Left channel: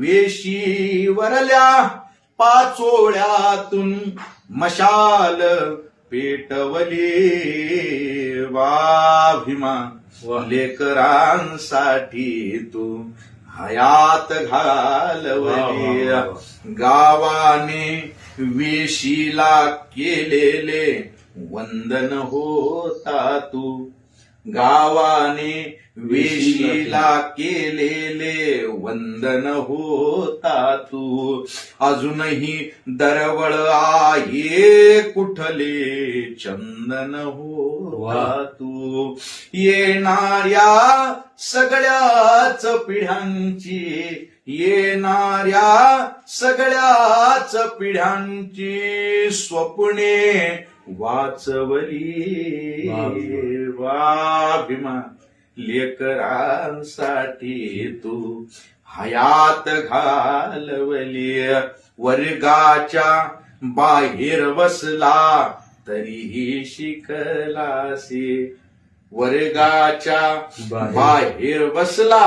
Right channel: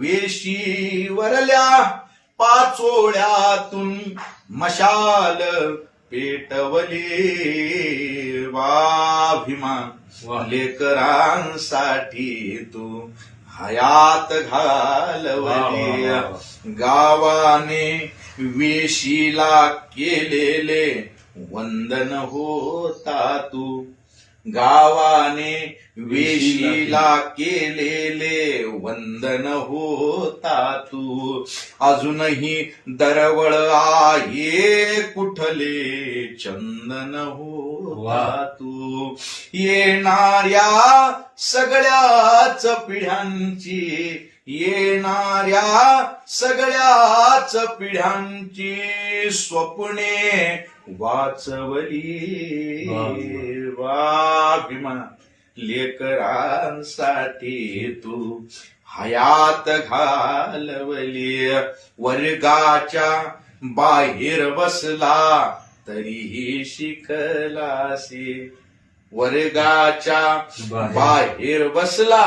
वेशी वरल्या पाचोळ्यातून मशाल पेटवली वा भीमा लेकरांसाठी तू हयात घालवली गावाने वेशीला केलेले वंदन होता तू गावाने वेशीला केलेले वंदन होता तू अजूनही दरवळ आहे कुठले चंदन होता तू येणाऱ्या सगळ्याच पिढ्यांची येणाऱ्या सगळ्याच पिढ्यांची स्वप्ने वाचवली वा भीमा लेकरांसाठी तू हयात घालवली वर्गाच्या बाहेर बसला तरीही शिकलासी वर्गाच्या बाहेर बसला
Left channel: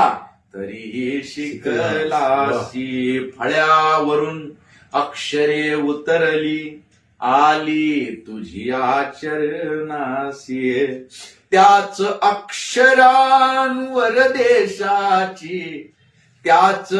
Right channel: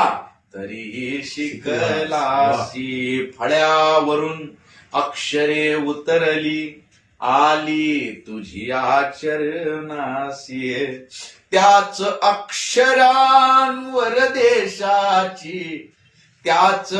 तरीही शिकलासी फळ्यावरून अक्षरे उतरली आली तुझी आचरणासी त्याच अक्षरांवर देशाची त्याच